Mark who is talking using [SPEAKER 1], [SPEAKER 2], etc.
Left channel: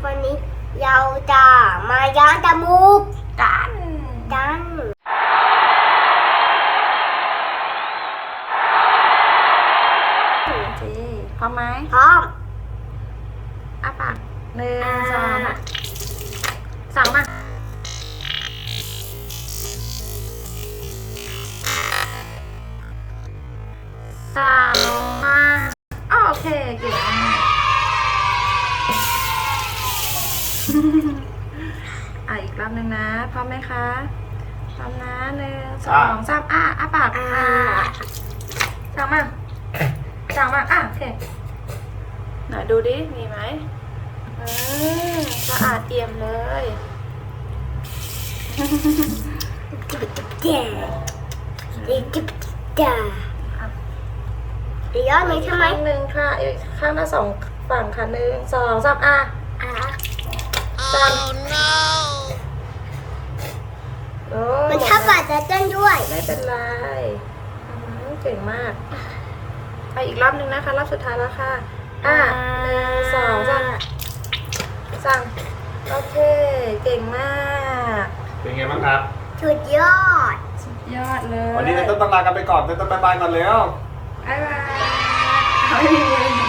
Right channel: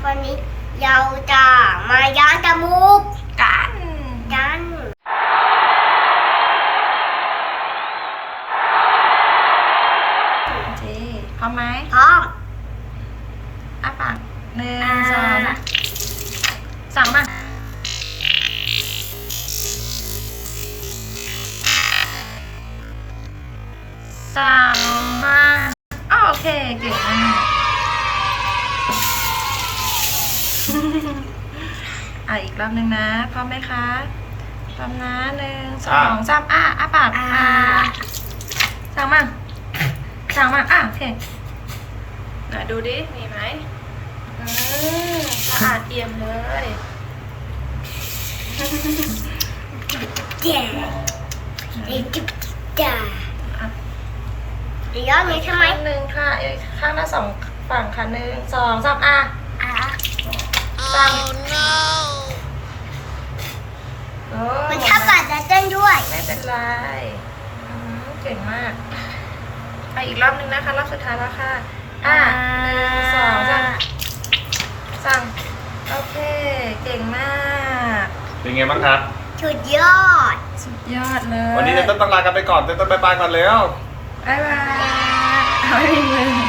[SPEAKER 1] วันนี้เราจะมาย้อนจมูกกัน
[SPEAKER 2] โอเคพร้อมไหม
[SPEAKER 1] พร้อม
[SPEAKER 2] อ้าปาก1 2นะสั่งมาสั่งมาโอเคเก่งมากอีกรอบหนึ่งนะพร้อมไหมคะพร้อมนะ1 2 3อ้าปากสั่งมาโอเคไหนดูดิมีไหมสะอาดเอี่ยมเลย
[SPEAKER 1] เจ๋จิ๊บจ๋าอีกรอบนี้ใช่ไหม
[SPEAKER 2] หนึ่งค่ะข้างหน้า2 ฝั่งค่ะ1 2 3
[SPEAKER 1] มันชอบกัดจะเต้นด้วย
[SPEAKER 2] ไม่เป็นไรเก่งมากอีกรอบนึงนะคะรอบสุดท้ายแล้วค่ะ1 2 3สั่งโอเคเก่งมาก
[SPEAKER 3] เป็นไงบ้างครับ
[SPEAKER 1] สุดยอด
[SPEAKER 2] สุดยอดเลย
[SPEAKER 3] วันนี้เต้นต้องลากันไปก่อนเต้นต้องไปก่อนแล้ว
[SPEAKER 2] บ๊ายบายเอาอีกเลย